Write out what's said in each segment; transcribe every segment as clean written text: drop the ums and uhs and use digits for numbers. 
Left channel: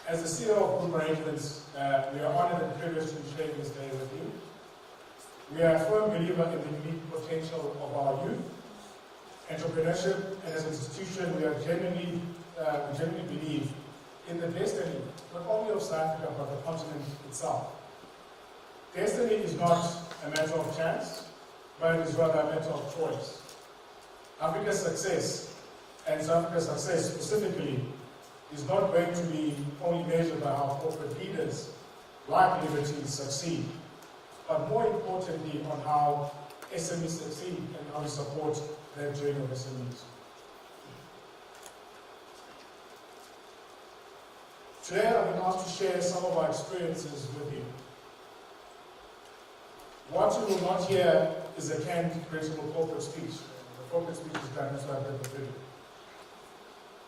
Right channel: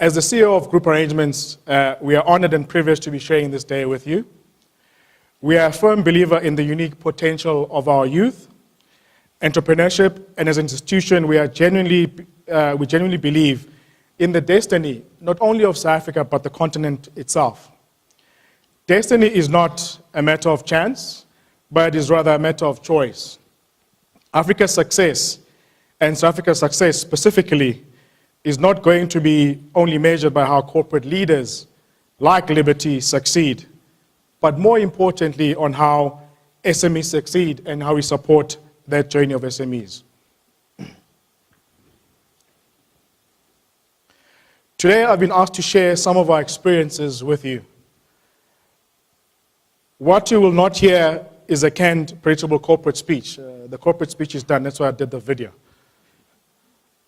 As the CEO of Group Arrangements, we are honored and privileged to be sharing this day with you. We are a firm believer in the unique potential of our youth, entrepreneurship, and as an institution, we genuinely believe in the destiny, not only of South Africa, but the continent itself. Destiny is not a matter of chance, but it is rather a matter of choice. Africa's success, and South Africa's success specifically, is not going to be only measured by how corporate leaders like Liberty succeed, but more importantly on how SMEs succeed and how we support that journey of SMEs. Today I've been asked to share some of our experiences with you. What you will not hear is a canned, predictable corporate speech. The corporate speech is done, that's why I did the video.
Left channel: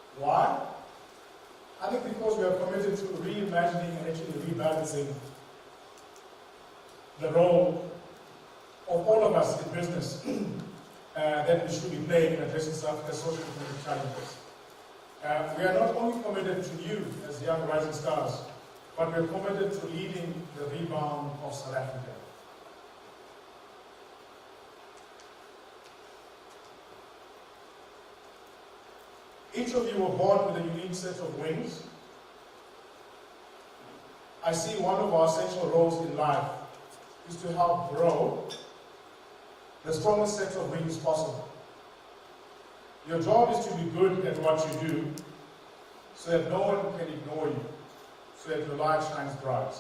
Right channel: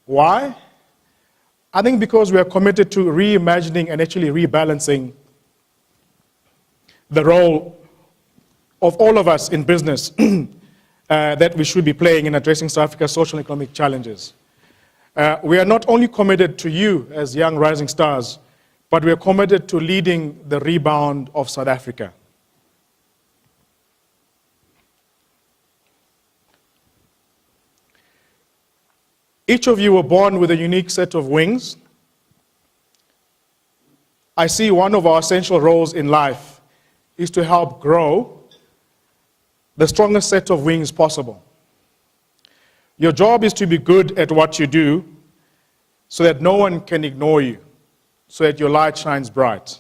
Why? I think because we are committed to reimagining and actually rebalancing the role of all of us in business that we should be playing in addressing South Africa's social and economic challenges. We are not only committed to you as young rising stars, but we are committed to leading the rebound of South Africa. Each of you were born with a unique set of wings. I see one of our essential roles in life is to help grow the strongest set of wings possible. Your job is to be good at what you do so that no one can ignore you, so that your light shines bright.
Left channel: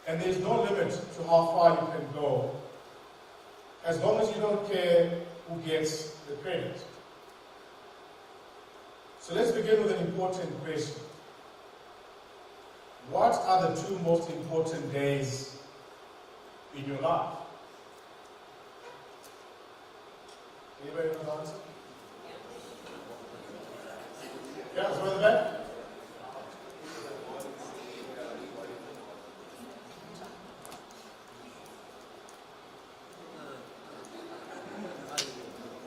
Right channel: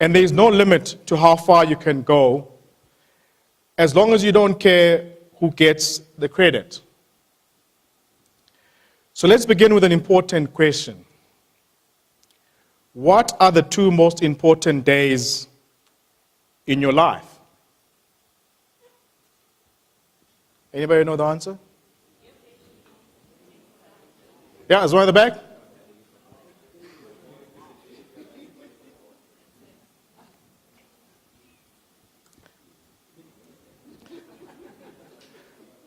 And there is no limit to how far you can go as long as you don't care who gets the credit. So let's begin with an important question. What are the two most important days in your life? Anybody know the answer? Yeah, there's one in the back.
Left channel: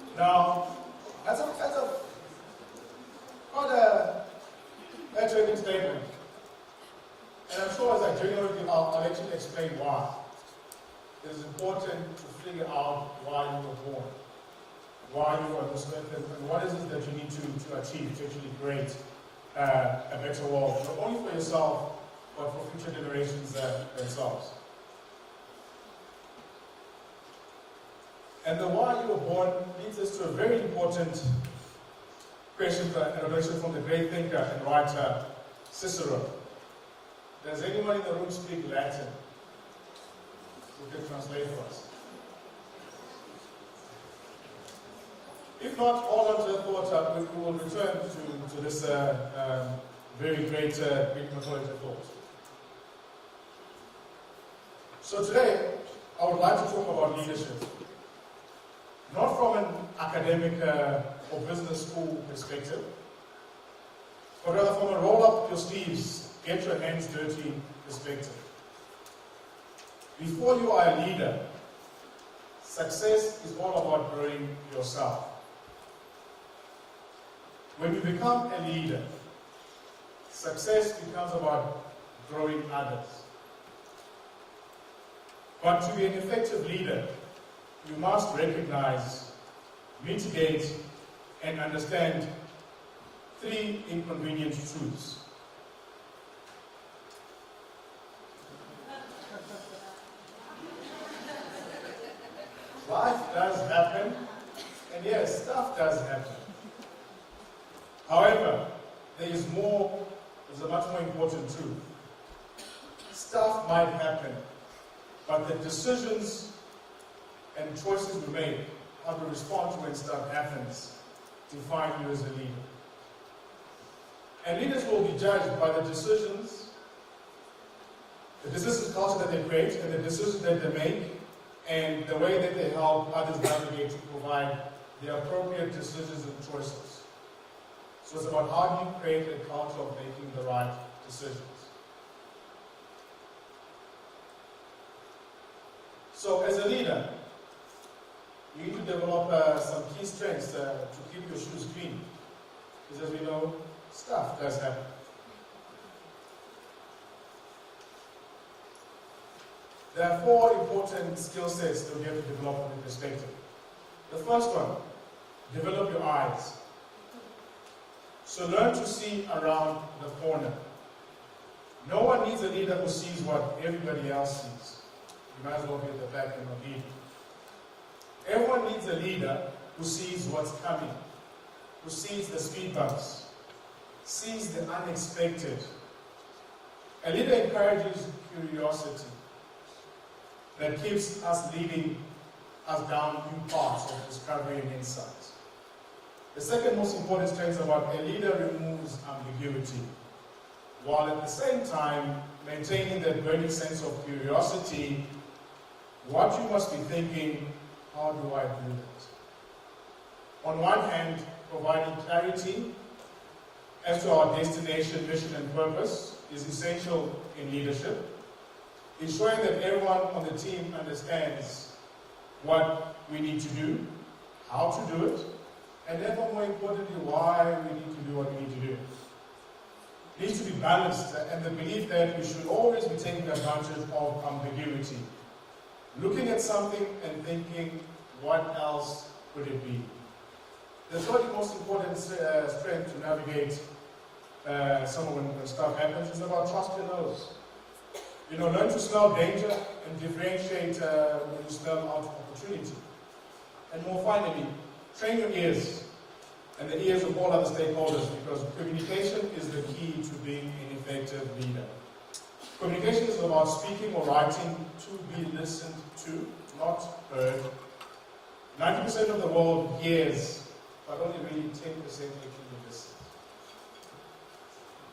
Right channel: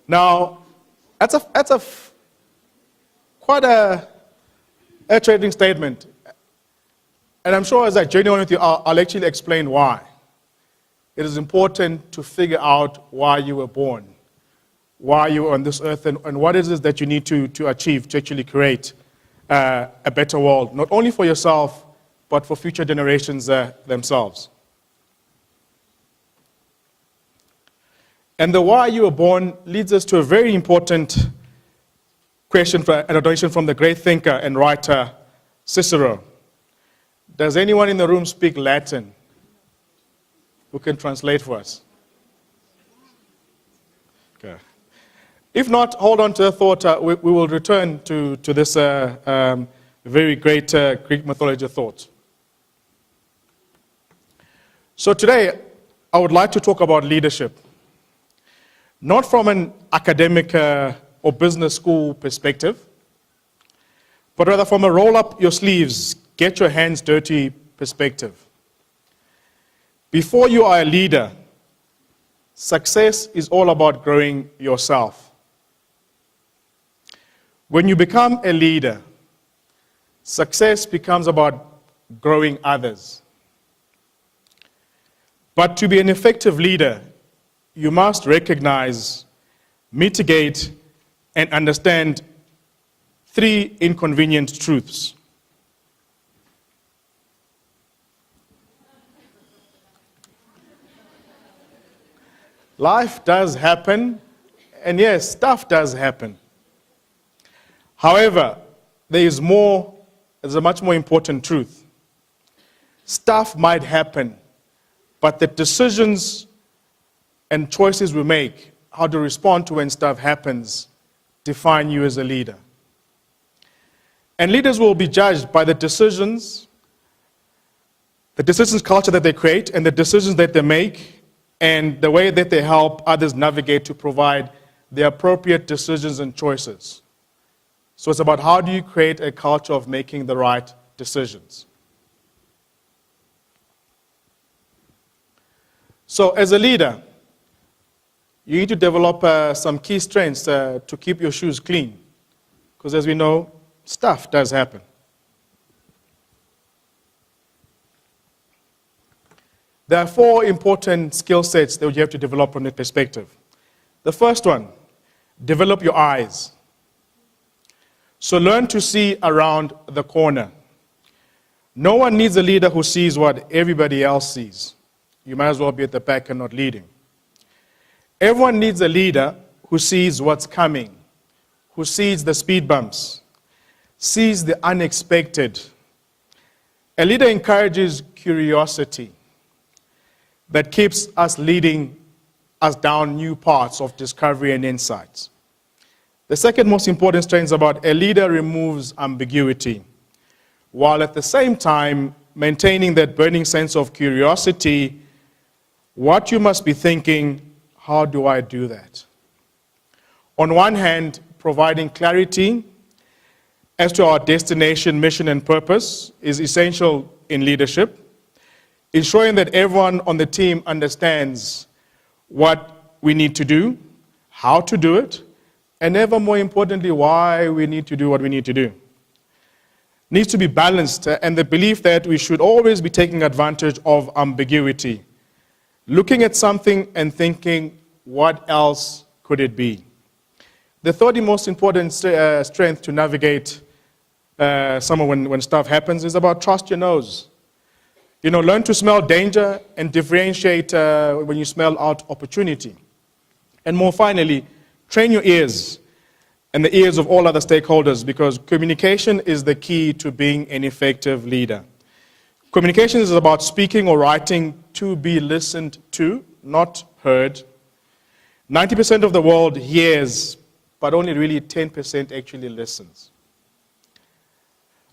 Now, that's quite a trading statement. And I'm sure as I journey on with you, I'll actually explain why. It is important to figure out why you were born, why you were on this earth, and what it is that you need to achieve to actually create a better world, not only for yourself, but for future generations themselves. And the why you were born leads us to a very important question and a donation from the great thinker and writer Cicero. Does anyone in the room speak Latin who can translate for us? Okay. If not, hold on to the thought. We will return to this very great Greek mythology thought. So today, I would like to talk about leadership. Not from an academic or business school perspective, but rather from a roll up your sleeves, get your hands dirty perspective. Before you are a leader, success is all about growing yourself. When you become a leader, success becomes about growing others. But to be an effective leader, you must recognize, mitigate, and understand three inconvenient truths. Life does happen, and yes, stuff does happen. However, there's a much more important truth. Stuff might happen, but the decisions and choices we make, how to respond to when stuff happens, define you as a leader. And leaders will be judged by the decisions culture that they create, and the decisions that they make, and the way that they help others navigate to provide the appropriate decisions and choices. So it's about how do you create a culture of making the right decisions. So as a leader, you need to develop some key strengths to keep your shoes clean. Because as we know, stuff does happen. There are 4 important skill sets that you have to develop from this perspective. The first one, develop your eyes. So learn to see around the corner. No one needs a leader who sees what everybody else sees. You might as well be at the back and not leading. Everyone needs a leader who sees what's coming, who sees the speed bumps, sees the unexpected. A leader encourages curiosity that keeps us leading us down new paths of discovery and insights. The second most important strength about a leader removes ambiguity, while at the same time maintaining that burning sense of curiosity. What you must be thinking, how do I do that? On one hand, providing clarity as to our destination, mission, and purpose is essential in leadership. Ensuring that everyone on the team understands what we need to do, how to do it, and ever more importantly, why we need to do what we need to do. Needs to be balanced, and the belief that we should always be taking advantage of ambiguity. Looking at something and thinking, what else could it be? The third most important strength to navigate when stuff happens is about trust your nose. Learn to smell danger and differentiate when you smell out opportunity. And more finally, train your ears and the ears of all other stakeholders, because communication is the key to being an effective leader. Communication is about speaking or writing to be listened to, not heard. 90% of the world hears, but only really 10% actually listens.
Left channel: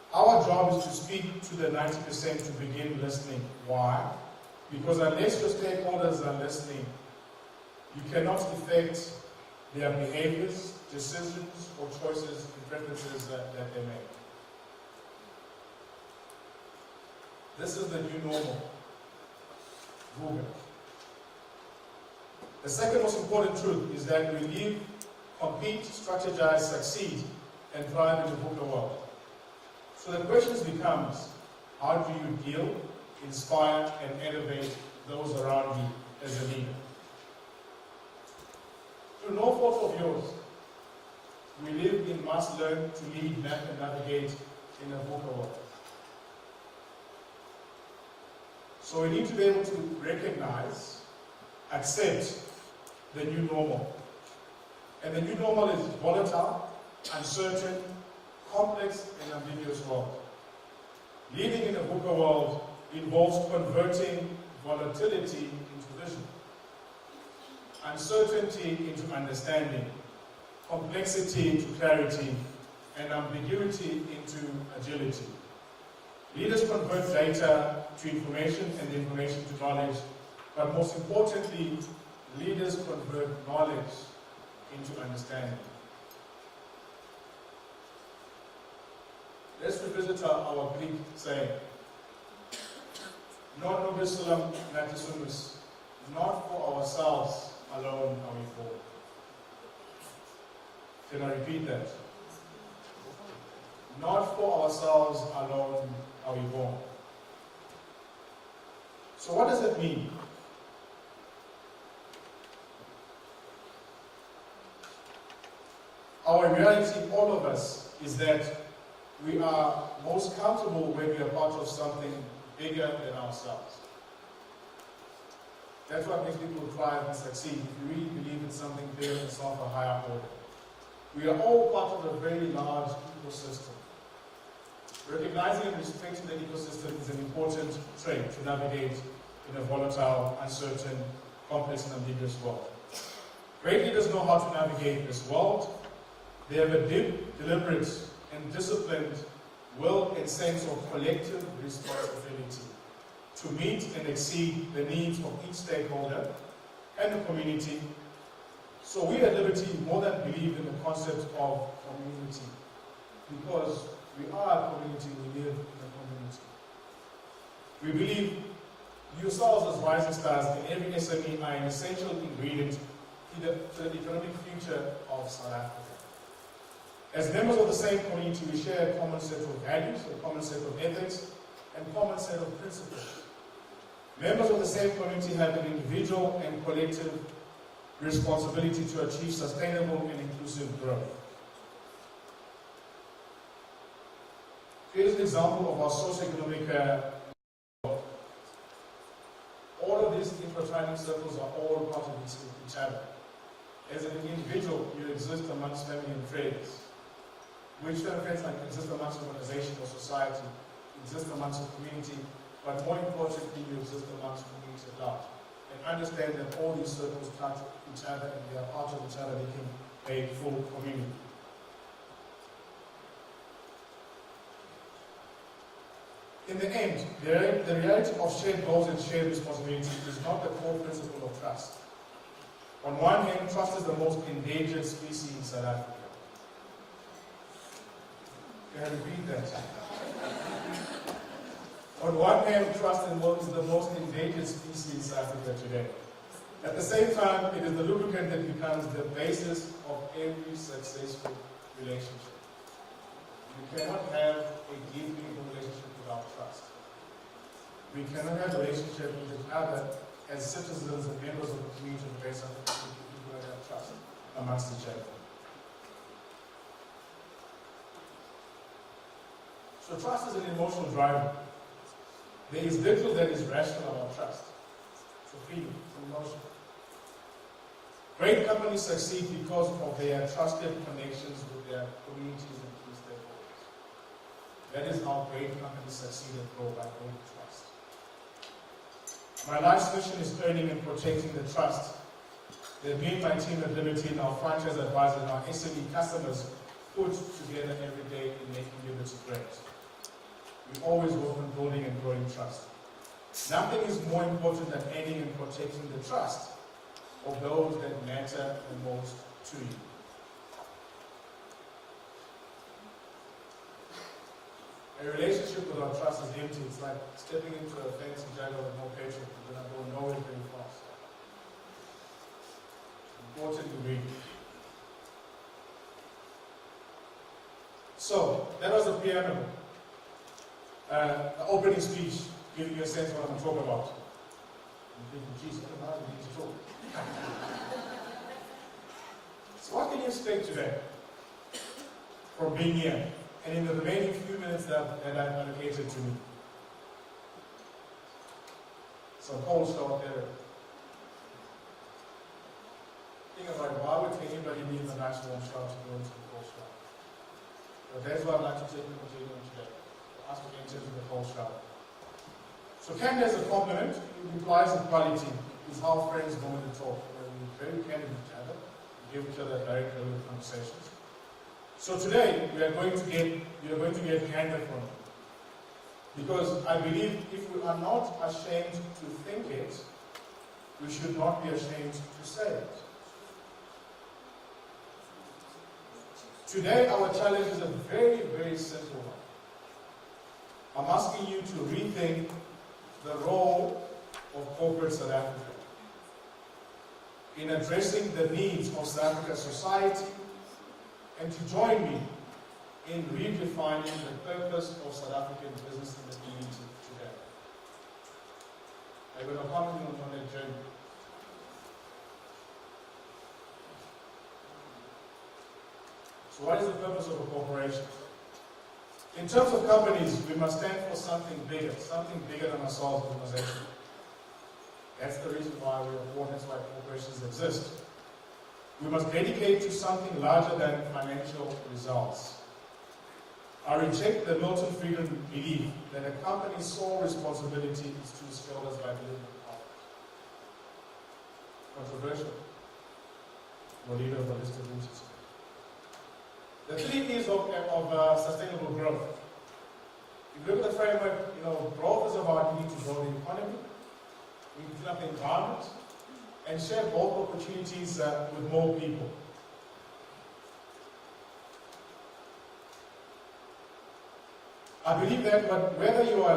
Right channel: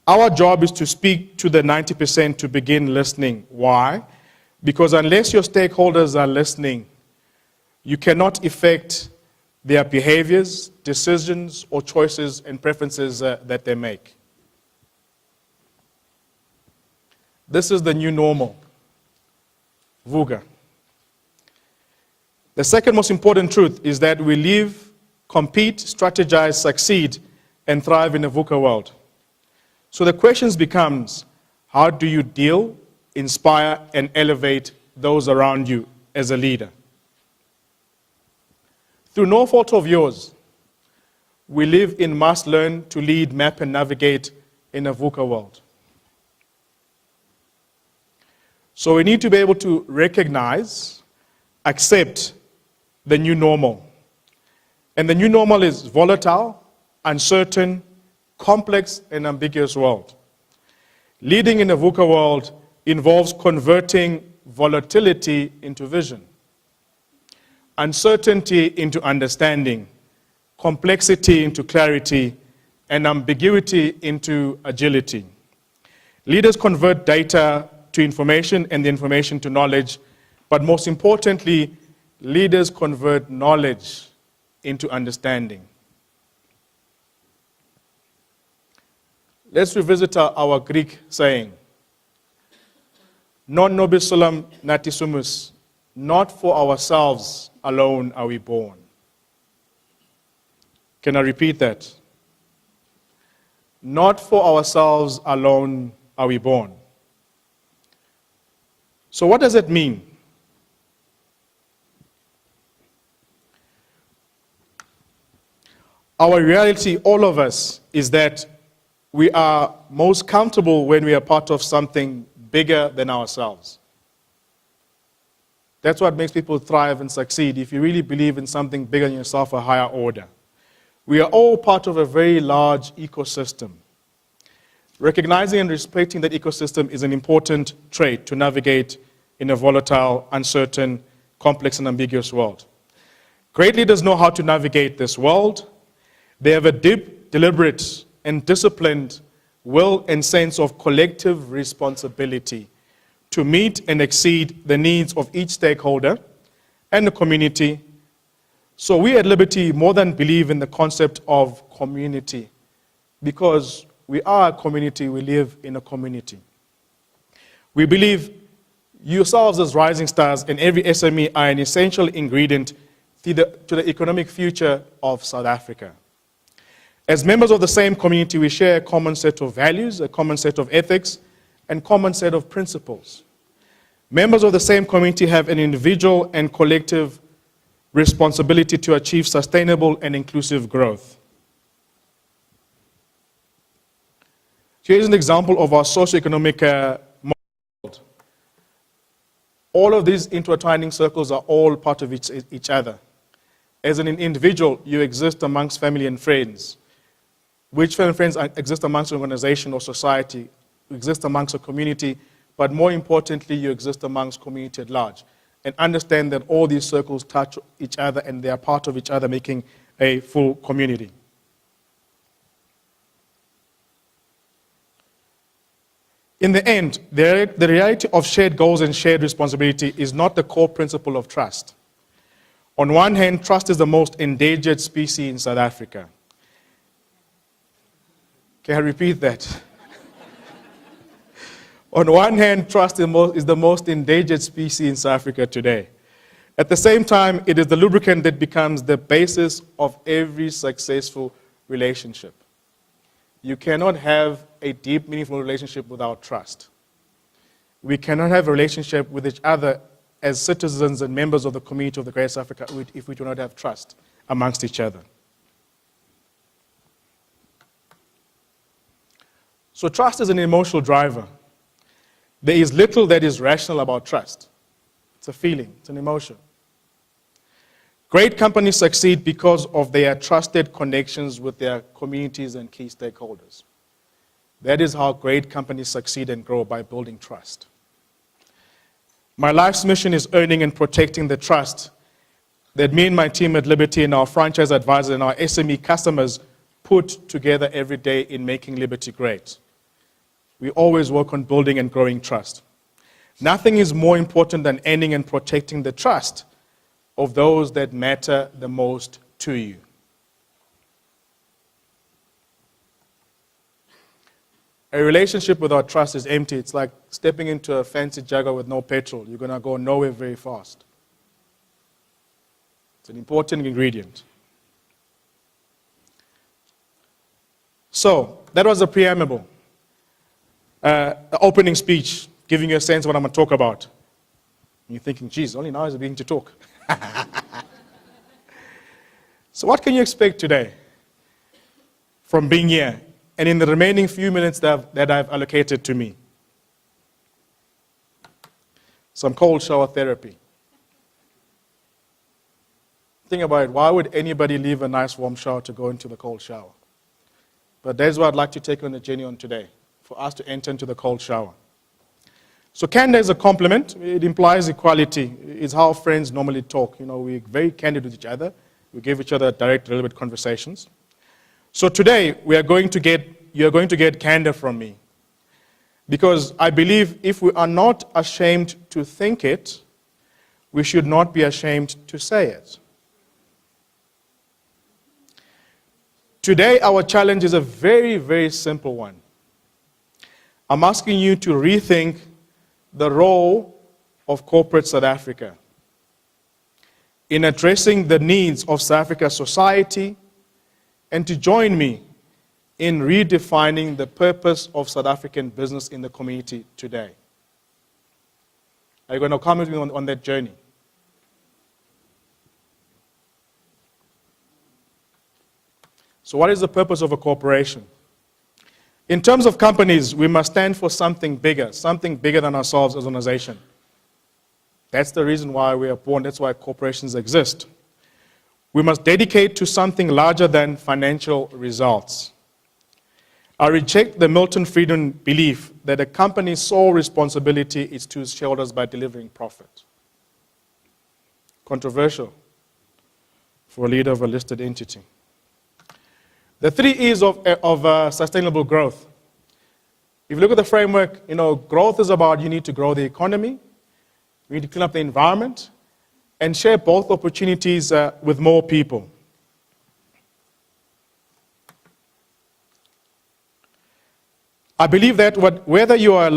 Our job is to speak to the 90% to begin listening. Why? Because unless your stakeholders are listening, you cannot affect their behaviors, decisions, or choices and preferences that they make. This is the new normal. VUCA. The second most important truth is that we live, compete, strategize, succeed, and thrive in a VUCA world. So the questions becomes, how do you deal, inspire, and elevate those around you as a leader? Through no fault of yours, we live in must learn to lead, map, and navigate in a VUCA world. So we need to be able to recognize, accept the new normal. And the new normal is volatile, uncertain, complex, and ambiguous world. Leading in a VUCA world involves converting volatility into vision, uncertainty into understanding, complexity into clarity, and ambiguity into agility. Leaders convert data to information and the information to knowledge, but most importantly, leaders convert knowledge into understanding. Let's revisit our Greek saying, non nobis solum nati sumus, not for ourselves alone are we born. Can I repeat that? Not for ourselves alone are we born. So what does it mean? Our reality, all of us, is that we are most comfortable when we are part of something bigger than ourselves. That's what makes people thrive and succeed, if you really believe in something bigger than yourself, a higher order. We are all part of a very large ecosystem. Recognizing and respecting that ecosystem is an important trait to navigate in a volatile, uncertain, complex, and ambiguous world. Great leaders know how to navigate this world. They have a deep, deliberate, and disciplined will and sense of collective responsibility to meet and exceed the needs of each stakeholder and the community. So we at Liberty more than believe in the concept of community, because we are a community, we live in a community. We believe yourselves as rising stars and every SME are an essential ingredient to the economic future of South Africa. As members of the same community, we share a common set of values, a common set of ethics, and common set of principles. Members of the same community have an individual and collective responsibility to achieve sustainable and inclusive growth. Here's an example of our socioeconomic model. All of these intertwining circles are all part of each other. As an individual, you exist amongst family and friends. Which family and friends exist amongst an organization or society, you exist amongst a community, but more importantly, you exist amongst community at large. And understand that all these circles touch each other and they are part of each other, making a full community. In the end, the reality of shared goals and shared responsibility is not the core principle of trust. On one hand, trust is the most endangered species in South Africa. Can I repeat that? On one hand, trust is the most endangered species in South Africa today. At the same time, it is the lubricant that becomes the basis of every successful relationship. You cannot have a deep, meaningful relationship without trust. We cannot have a relationship with each other as citizens and members of the community of the Greater South Africa if we do not have trust amongst each other. So trust is an emotional driver. There is little that is rational about trust. It's a feeling, it's an emotion. Great companies succeed because of their trusted connections with their communities and key stakeholders. That is how great companies succeed and grow, by building trust. My life's mission is earning and protecting the trust that me and my team at Liberty and our franchise advisors and our SME customers put together every day in making Liberty great. We always work on building and growing trust. Nothing is more important than earning and protecting the trust of those that matter the most to you. A relationship without trust is empty. It's like stepping into a fancy Jaguar with no petrol. You're going to go nowhere very fast. It's an important ingredient. So, that was the preamble. The opening speech, giving you a sense of what I'm going to talk about. And you're thinking, geez, only now is it beginning to talk. So what can you expect today from being here and in the remaining few minutes that I've allocated to me? Some cold shower therapy. Think about it. Why would anybody leave a nice warm shower to go into the cold shower? But that's what I'd like to take you on the journey on today, for us to enter into the cold shower. So candor is a compliment. It implies equality. It's how friends normally talk. You know, we're very candid with each other. We give each other direct, relevant conversations. So today, you're going to get candor from me. Because I believe if we are not ashamed to think it, we should not be ashamed to say it. Today, our challenge is a very, very simple one. I'm asking you to rethink the role of corporate South Africa in addressing the needs of South Africa's society, and to join me in redefining the purpose of South African business in the community today. Are you going to come with me on that journey? So what is the purpose of a corporation? In terms of companies, we must stand for something bigger than ourselves as an organization. That's the reason why we are born. That's why corporations exist. We must dedicate to something larger than financial results. I reject the Milton Friedman belief that a company's sole responsibility is to its shareholders by delivering profit. Controversial for a leader of a listed entity. The 3 E's of sustainable growth. If you look at the framework, growth is about you need to grow the economy, you need to clean up the environment, and share both opportunities with more people. I believe that whether you are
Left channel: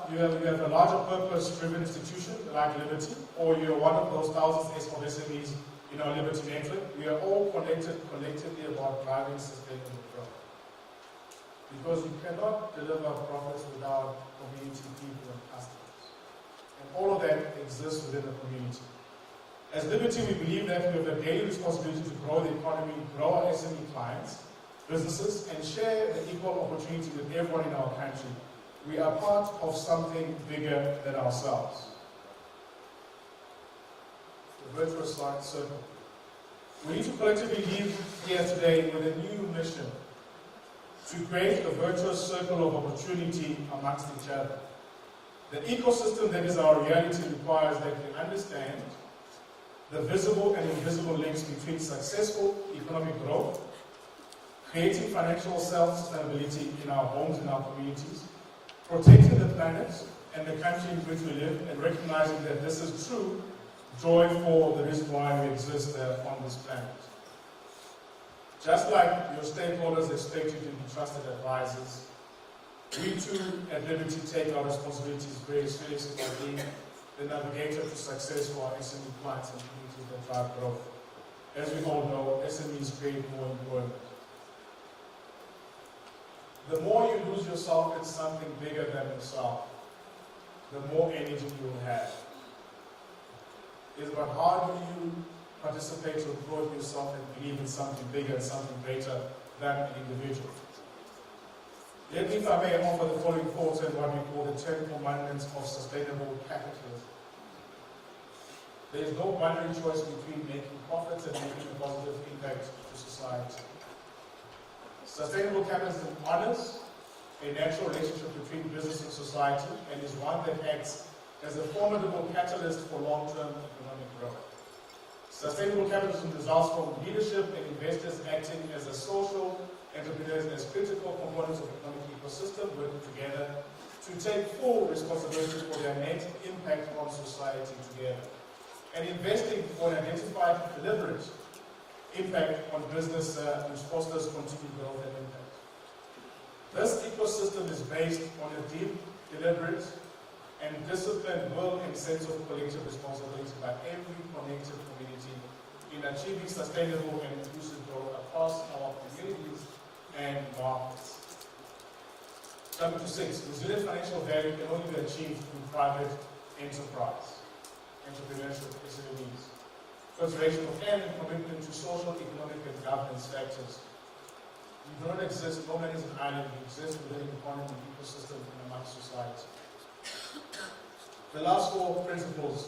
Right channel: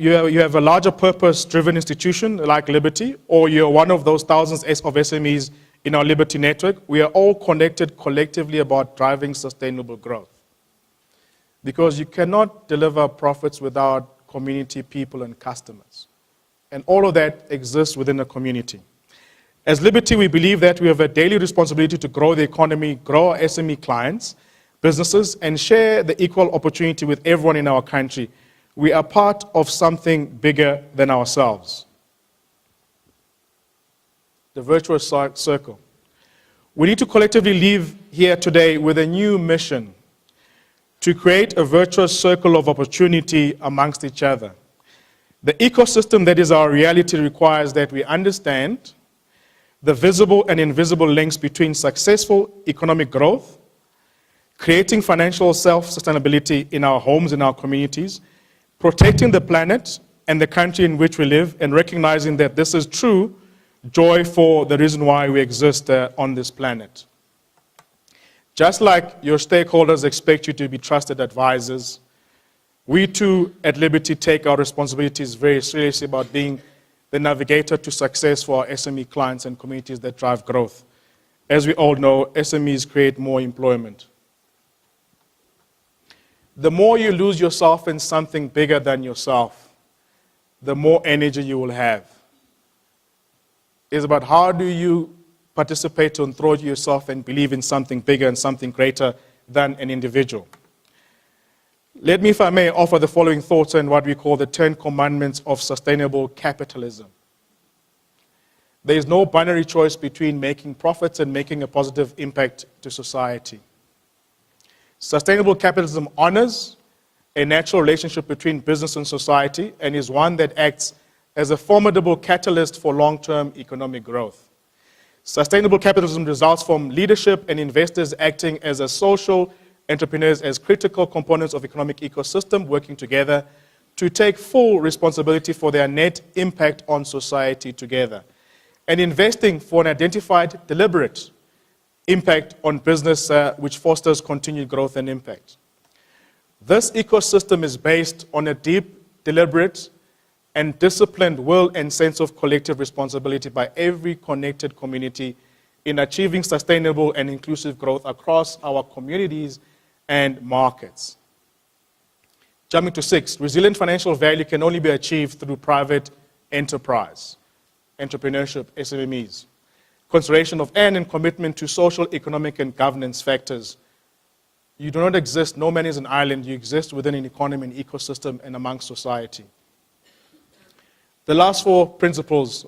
you have a larger purpose-driven institution like Liberty, or you're one of those thousands of SMEs in our Liberty network, we are all connected collectively about driving sustainable growth. Because you cannot deliver profits without community, people, and customers. And all of that exists within a community. As Liberty, we believe that we have a daily responsibility to grow the economy, grow our SME clients, businesses, and share the equal opportunity with everyone in our country. We are part of something bigger than ourselves. The virtuous circle. We need to collectively leave here today with a new mission to create a virtuous circle of opportunity amongst each other. The ecosystem that is our reality requires that we understand the visible and invisible links between successful economic growth, creating financial self-sustainability in our homes, in our communities, protecting the planet and the country in which we live, and recognizing that this is true joy for the reason why we exist on this planet. Just like your stakeholders expect you to be trusted advisors, we too at Liberty take our responsibilities very seriously about being the navigator to success for our SME clients and communities that drive growth. As we all know, SMEs create more employment. The more you lose yourself in something bigger than yourself, the more energy you will have. It's about how do you participate and throw yourself and believe in something bigger and something greater than an individual. Let me, if I may, offer the following thoughts on what we call the 10 commandments of sustainable capitalism. There is no binary choice between making profits and making a positive impact to society. Sustainable capitalism honors a natural relationship between business and society and is one that acts as a formidable catalyst for long-term economic growth. Sustainable capitalism results from leadership and investors acting as a social entrepreneurs as critical components of economic ecosystem working together to take full responsibility for their net impact on society together, and investing for an identified, deliberate impact on business which fosters continued growth and impact. This ecosystem is based on a deep, deliberate, and disciplined will and sense of collective responsibility by every connected community in achieving sustainable and inclusive growth across our communities and markets. Jumping to 6, resilient financial value can only be achieved through private enterprise, entrepreneurship, SMEs, consideration of and commitment to social, economic, and governance factors. You do not exist, no man is an island, you exist within an economy and ecosystem and amongst society. The last 4 principles,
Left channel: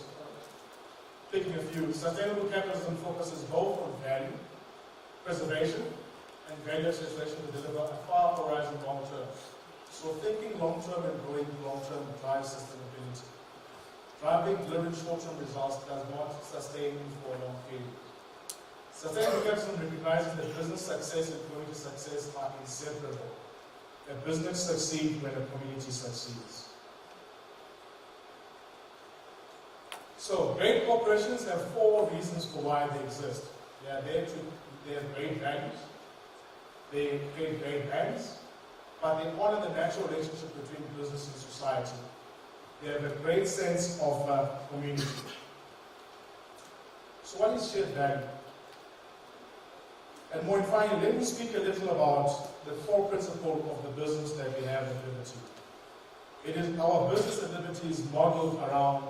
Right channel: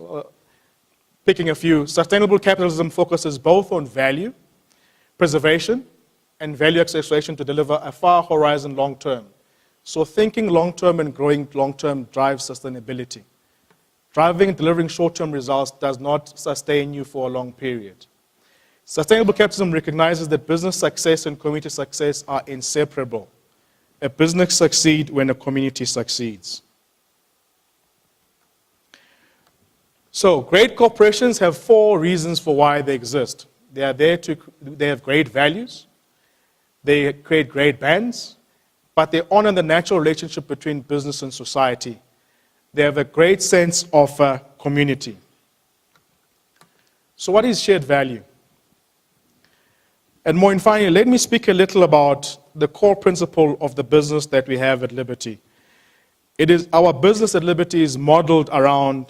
picking a few, sustainable capitalism focuses both on value preservation and value acceleration to deliver a far horizon long term. So thinking long term and growing long term drives sustainability. Driving and delivering short term results does not sustain you for a long period. Sustainable capitalism recognizes that business success and community success are inseparable. A business succeeds when a community succeeds. So, great corporations have 4 reasons for why they exist. They are there they have great values, they create great brands, but they honor the natural relationship between business and society. They have a great sense of community. So what is shared value? And more finally, let me speak a little about the core principle of the business that we have at Liberty. Our business at Liberty is modeled around,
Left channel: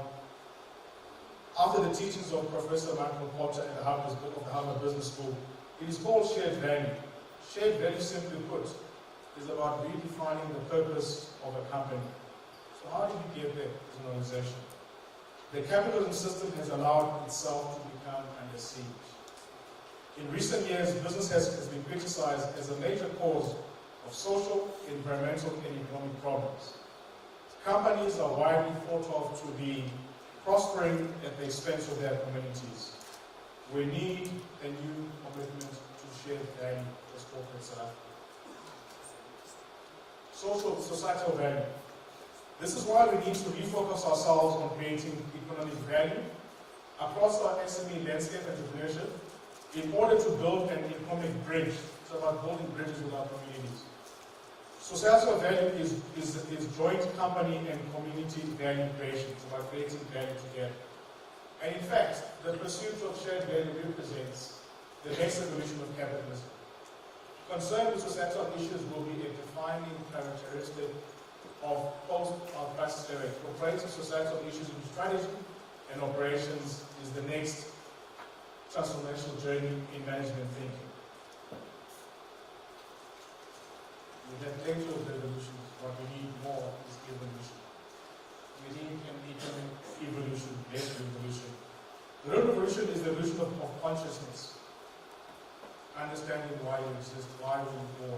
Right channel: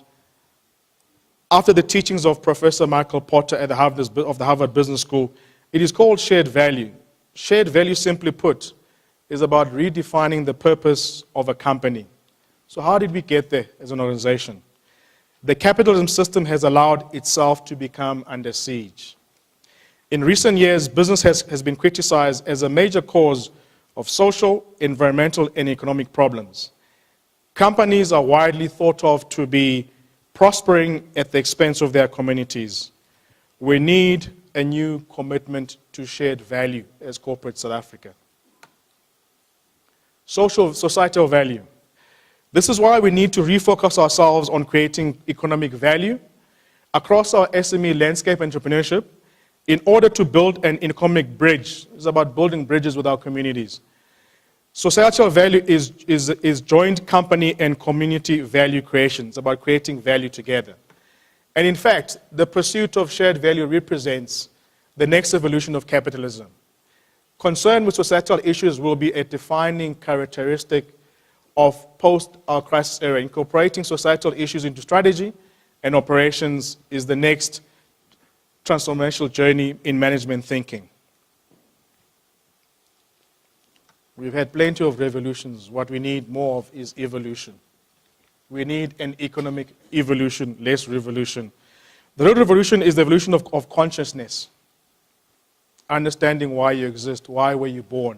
after the teachings of Professor Michael Porter at the Harvard Business School, it is called shared value. Shared value, simply put, is about redefining the purpose of a company. So how did we get there as an organization? The capitalism system has allowed itself to become under siege. In recent years, business has been criticized as a major cause of social, environmental, and economic problems. Companies are widely thought of to be prospering at the expense of their communities. We need a new commitment to shared value as corporate South Africa. Societal value. This is why we need to refocus ourselves on creating economic value across our SME landscape entrepreneurship in order to build an economic bridge. It's about building bridges with our communities. Societal value is joint company and community value creation. It's about creating value together. And in fact, the pursuit of shared value represents the next evolution of capitalism. Concern with societal issues will be a defining characteristic of post-crisis era. Incorporating societal issues into strategy and operations is the next transformational journey in management thinking. We've had plenty of revolutions. What we need more of is evolution. We need an economic evolution, less revolution. The real revolution is the evolution of consciousness. Understanding why you exist, why were you born,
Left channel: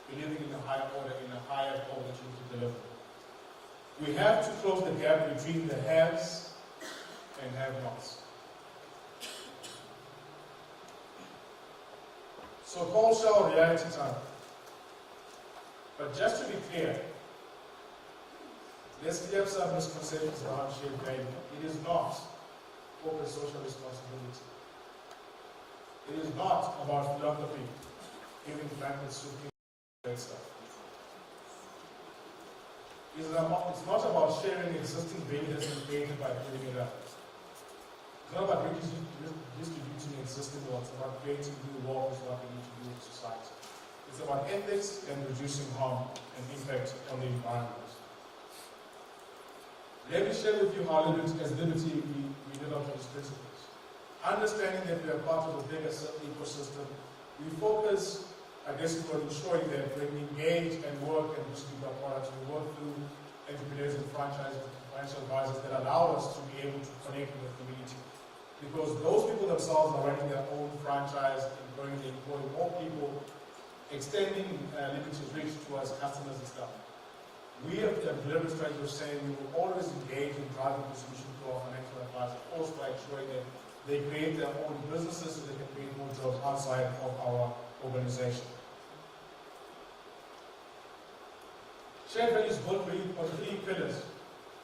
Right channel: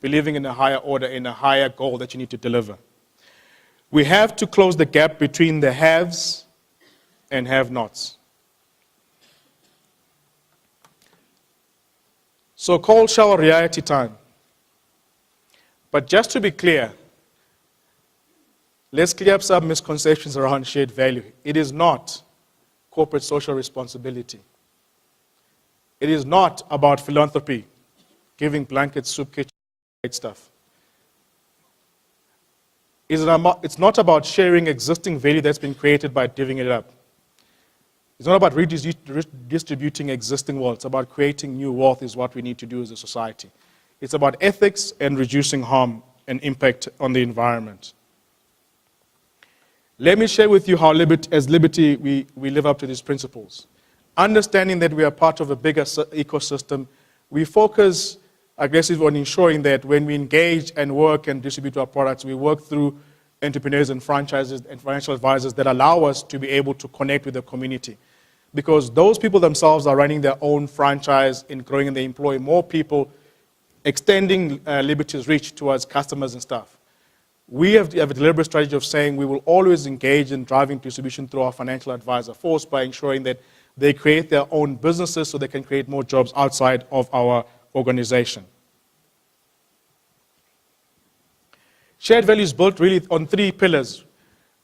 believing in a higher order, in a higher goal that you need to deliver. We have to close the gap between the haves and have-nots. So cold shower reality time. But just to be clear, let's clear up some misconceptions around shared value. It is not corporate social responsibility. It is not about philanthropy, giving blankets, soup kitchen, great stuff. It's not about sharing existing value that's been created by divvying it up. It's not about redistributing existing wealth. It's about creating new wealth is what we need to do as a society. It's about ethics and reducing harm and impact on the environment. Let me share with you how as Liberty we live up to these principles. Understanding that we are part of a bigger ecosystem, we focus aggressively on ensuring that when we engage and work and distribute our products, we work through entrepreneurs and franchises and financial advisors that allow us to be able to connect with the community. Because those people themselves are running their own franchise and growing, and they employ more people, extending Liberty's reach towards customers and stuff. We have a deliberate strategy of saying we will always engage in driving distribution through our financial advisor force by ensuring that they create their own businesses so they can create more jobs outside of our organization. Shared value is built really on 3 pillars:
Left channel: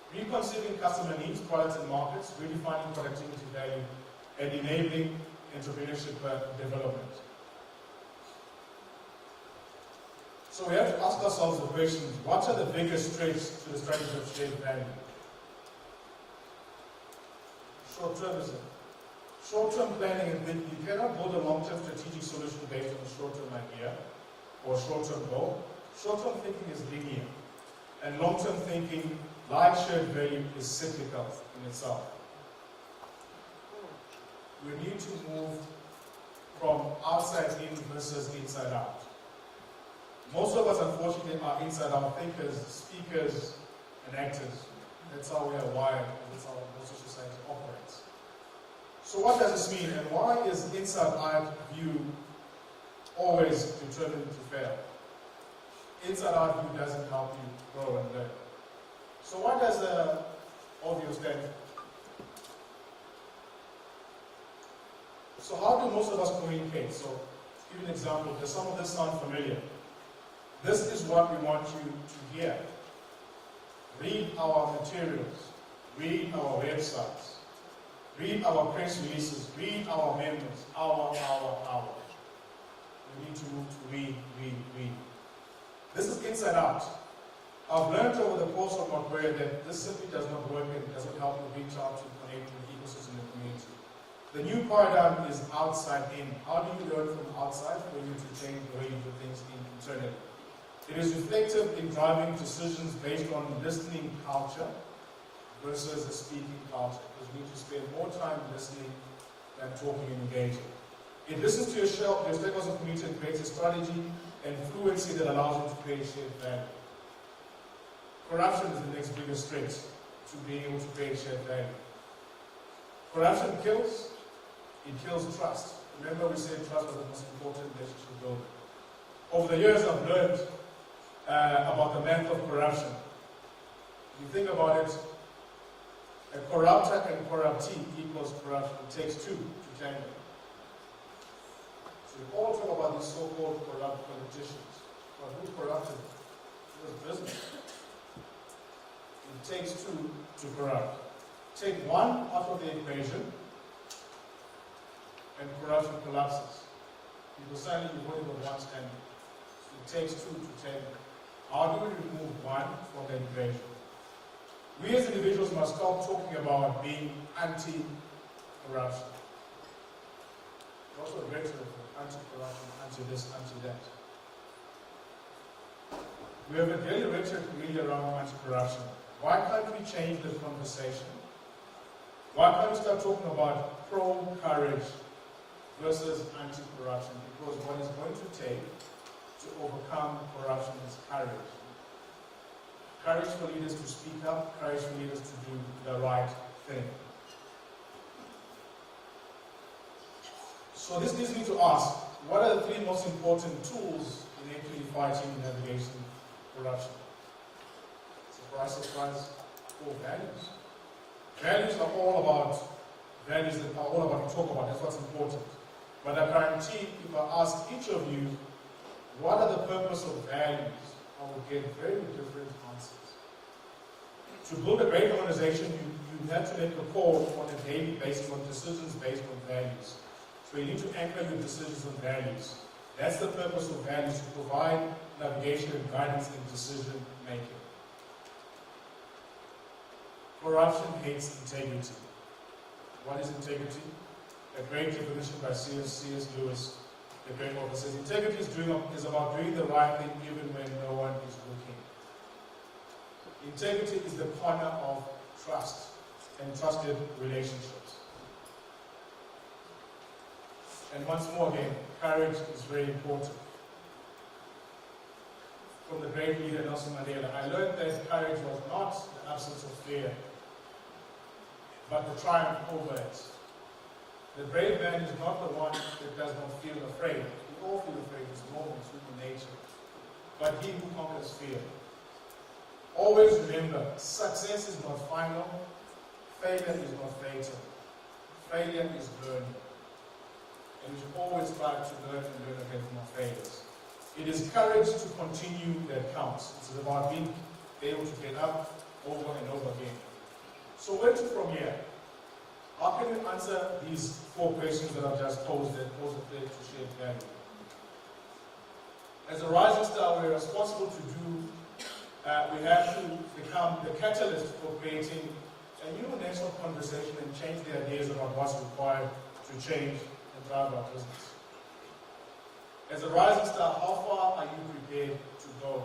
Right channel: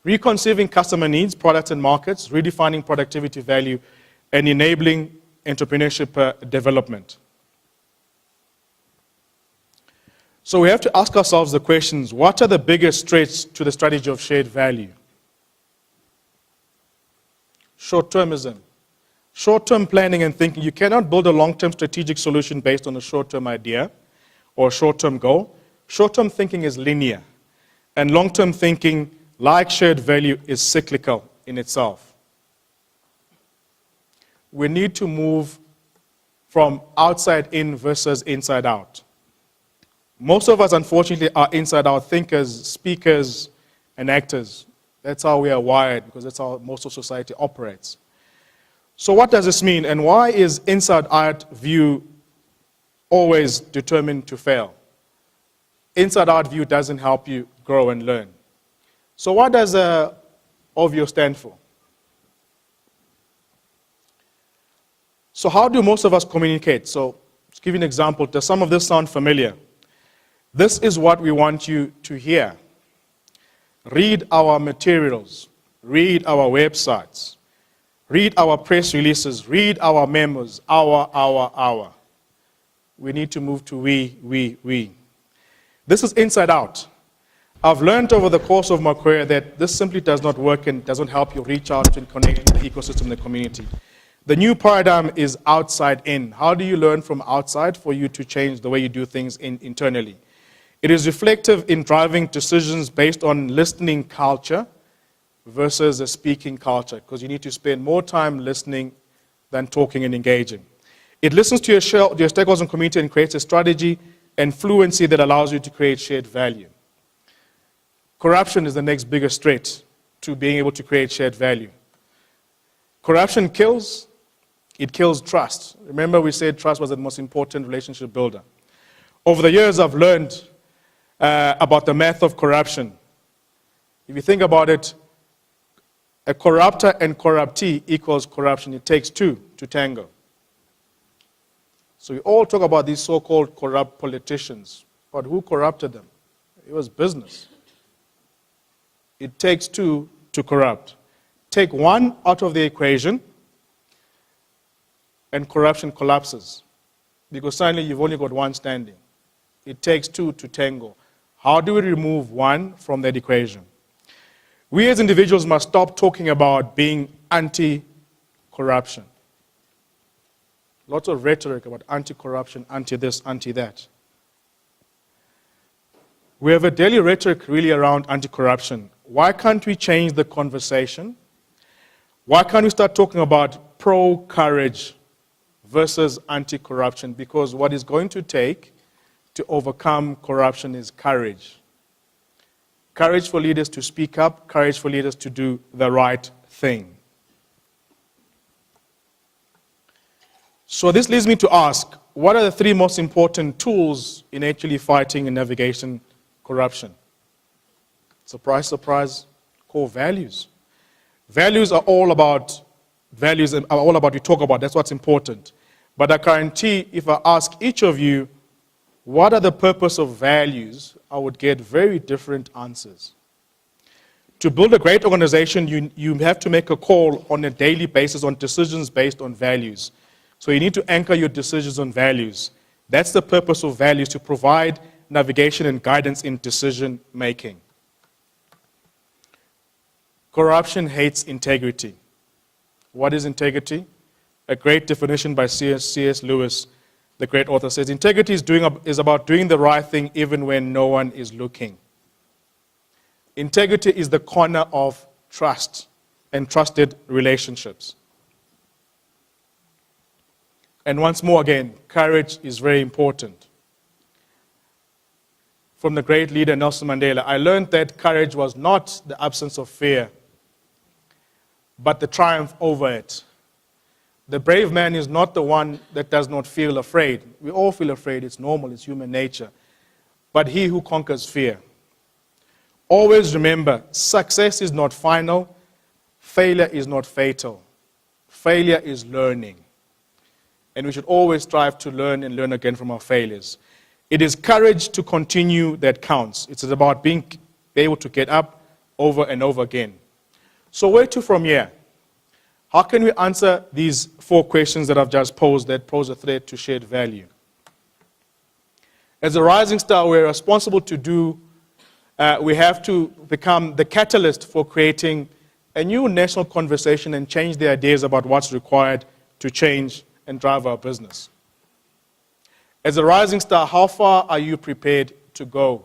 reconceiving customer needs, products and markets, redefining productivity value, and enabling entrepreneurship development. So we have to ask ourselves the questions: what are the biggest threats to the strategy of shared value? Short-termism. Short-term planning and thinking. You cannot build a long-term strategic solution based on a short-term idea or a short-term goal. Short-term thinking is linear, and long-term thinking, like shared value, is cyclical in itself. We need to move from outside in versus inside out. Most of us, unfortunately, are inside-out thinkers, speakers, and actors. That's how we are wired, because that's how most of society operates. So what does this mean, and why is inside-out view always determined to fail? Inside-out view doesn't help you grow and learn. So what does OVIO stand for? So how do most of us communicate? So to give you an example, does some of this sound familiar? This is what we want you to hear. Read our materials, read our websites, read our press releases, read our memos, our. We need to move to we. This is inside out. I've learned over the course of my career that this simply does not work and doesn't help you reach out and connect with the ecosystem and the community. The new paradigm is outside in. How do you learn from outside for you to change the way you do things internally? It is reflective in driving decisions based on listening culture versus a speaking culture, because you need to spend more time listening than talking and engaging. It listens to your stakeholders and community and creates a strategy and fluency that allows you to create shared value. Corruption is the next biggest threat to being able to create shared value. Corruption kills. It kills trust. Remember, we said trust was the most important relationship builder. Over the years, I've learned about the math of corruption. If you think about it, a corruptor and corruptee equals corruption. It takes 2 to tango. So we all talk about these so-called corrupt politicians, but who corrupted them? It was business. It takes 2 to corrupt. Take 1 out of the equation, and corruption collapses, because suddenly you've only got 1 standing. It takes 2 to tango. How do we remove 1 from that equation? We as individuals must stop talking about being anti-corruption. Lots of rhetoric about anti-corruption, anti-this, anti-that. We have a daily rhetoric really around anti-corruption. Why can't we change the conversation? Why can't we start talking about pro-courage versus anti-corruption? Because what it's going to take to overcome corruption is courage. Courage for leaders to speak up, courage for leaders to do the right thing. So this leads me to ask, what are the three most important tools in actually fighting and navigating corruption? Surprise, surprise, core values. Values are all about values and are all about we talk about. That's what's important. But I guarantee if I ask each of you, what are the purpose of values, I would get very different answers. To build a great organization, you have to make a call on a daily basis on decisions based on values. So you need to anchor your decisions on values. That's the purpose of values, to provide navigation and guidance in decision making. Corruption hates integrity. What is integrity? A great definition by C.S. Lewis, the great author, says integrity is about doing the right thing even when no one is looking. Integrity is the corner of trust and trusted relationships. And once more again, courage is very important. From the great leader Nelson Mandela, I learned that courage was not the absence of fear, but the triumph over it. The brave man is not the one that does not feel afraid. We all feel afraid, it's normal, it's human nature. But he who conquers fear. Always remember, success is not final, failure is not fatal. Failure is learning. And we should always strive to learn and learn again from our failures. It is courage to continue that counts. It's about being able to get up over and over again. So where to from here? How can we answer these 4 questions that I've just posed that pose a threat to shared value? As a rising star, we're responsible to do, we have to become the catalyst for creating a new national conversation and change the ideas about what's required to change and drive our business. As a rising star, how far are you prepared to go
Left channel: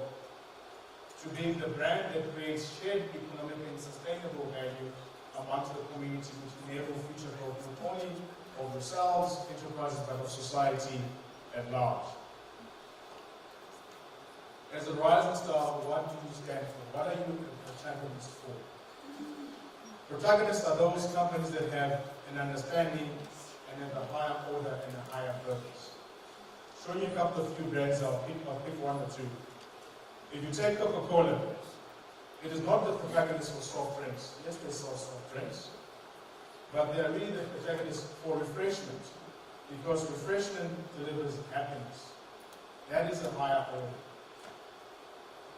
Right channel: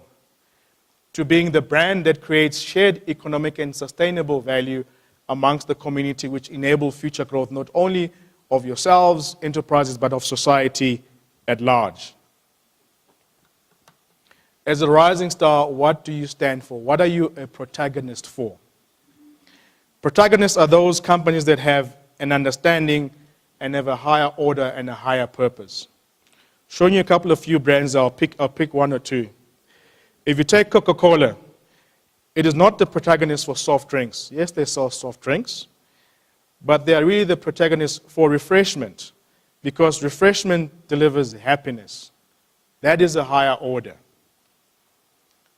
to being the brand that creates shared economic and sustainable value amongst the community, which enable future growth not only of yourselves, enterprises, but of society at large? As a rising star, what do you stand for? What are you a protagonist for? Protagonists are those companies that have an understanding and have a higher order and a higher purpose. Showing you a couple of few brands, I'll pick 1 or 2. If you take Coca-Cola, it is not the protagonist for soft drinks. Yes, they sell soft drinks, but they are really the protagonist for refreshment, because refreshment delivers happiness. That is a higher order.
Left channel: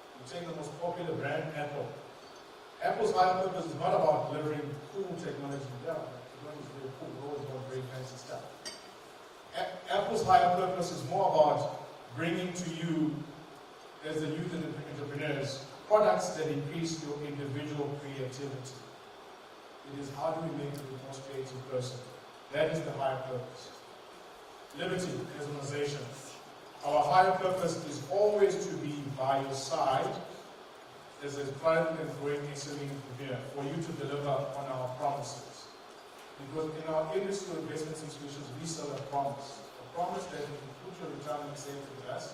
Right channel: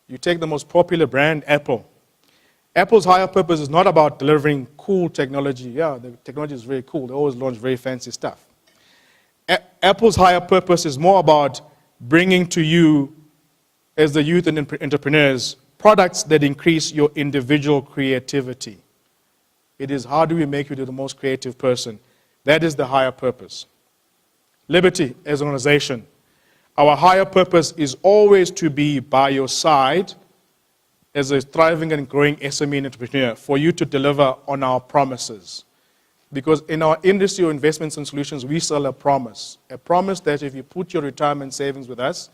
You take the most popular brand, Apple. Apple's higher purpose is not about delivering cool technology. Yeah, the technology is very cool. They always launch very fancy stuff. Apple's higher purpose is more about bringing to you, as the youth and entrepreneurs, products that increase your individual creativity. It is how do we make you the most creative person. That is the higher purpose. Liberty as an organization. Our higher purpose is always to be by your side as a thriving and growing SME entrepreneur for you to deliver on our promises. Because in our industry or investments and solutions, we sell a promise that if you put your retirement savings with us,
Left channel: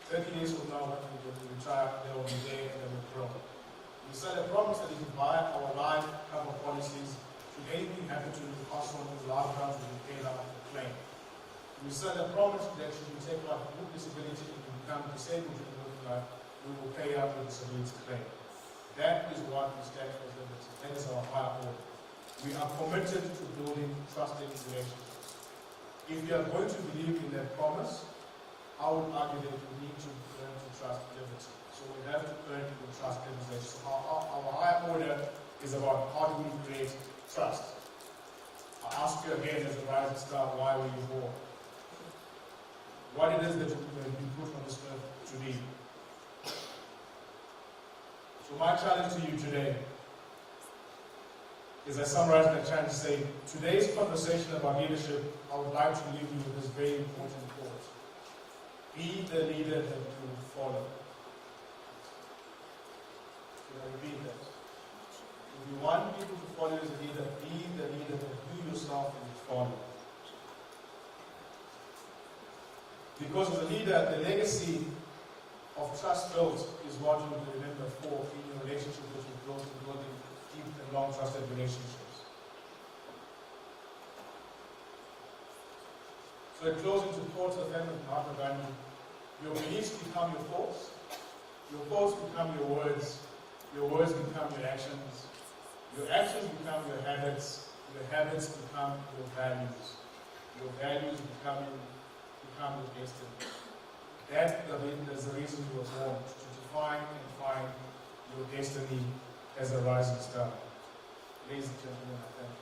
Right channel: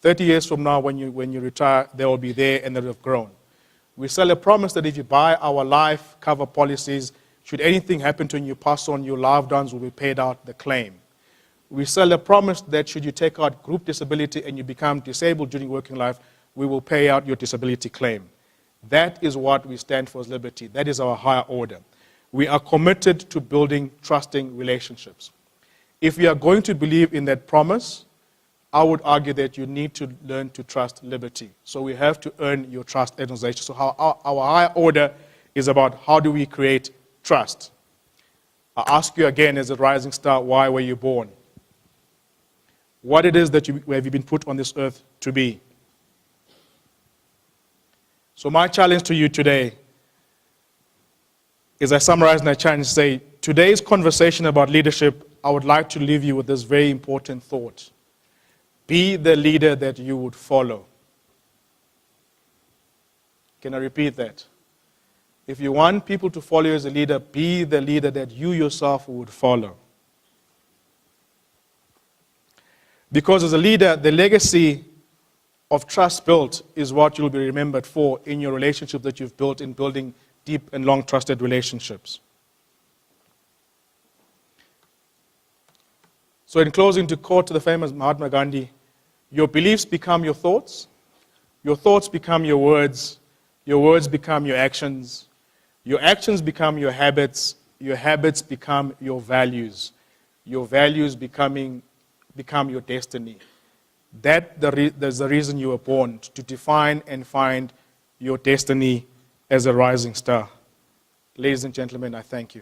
30 years from now when you retire, they will be there and they will have grown. We sell a promise that if you buy our life cover policies, should anything happen to you and you pass on, your loved ones will be paid out the claim. We sell a promise that should you take out group disability and you become disabled during working life, we will pay out your disability claim. That is what we stand for as Liberty. That is our higher order. We are committed to building trusting relationships. If you are going to believe in that promise, I would argue that you need to learn to trust Liberty. So we have to earn your trust as an organization. So our higher order is about how do we create trust. I ask you again as a rising star, why were you born? What it is that have you been put on this earth to be? So my challenge to you today is I summarize my challenge, say, today's conversation about leadership, I would like to leave you with this very important thought. Be the leader that you would follow. Can I repeat that? If you want people to follow you as a leader, be the leader that you yourself would follow. Because as a leader, the legacy of trust built is what you'll be remembered for in your relationship that you've built in building deep and long trusted relationships. So in closing, to quote the famous Mahatma Gandhi, your beliefs become your thoughts become your words become your actions become your habits become your values become your destiny. That's the reason you were born, to define and find your destiny as a rising star. Ladies and gentlemen, I thank you.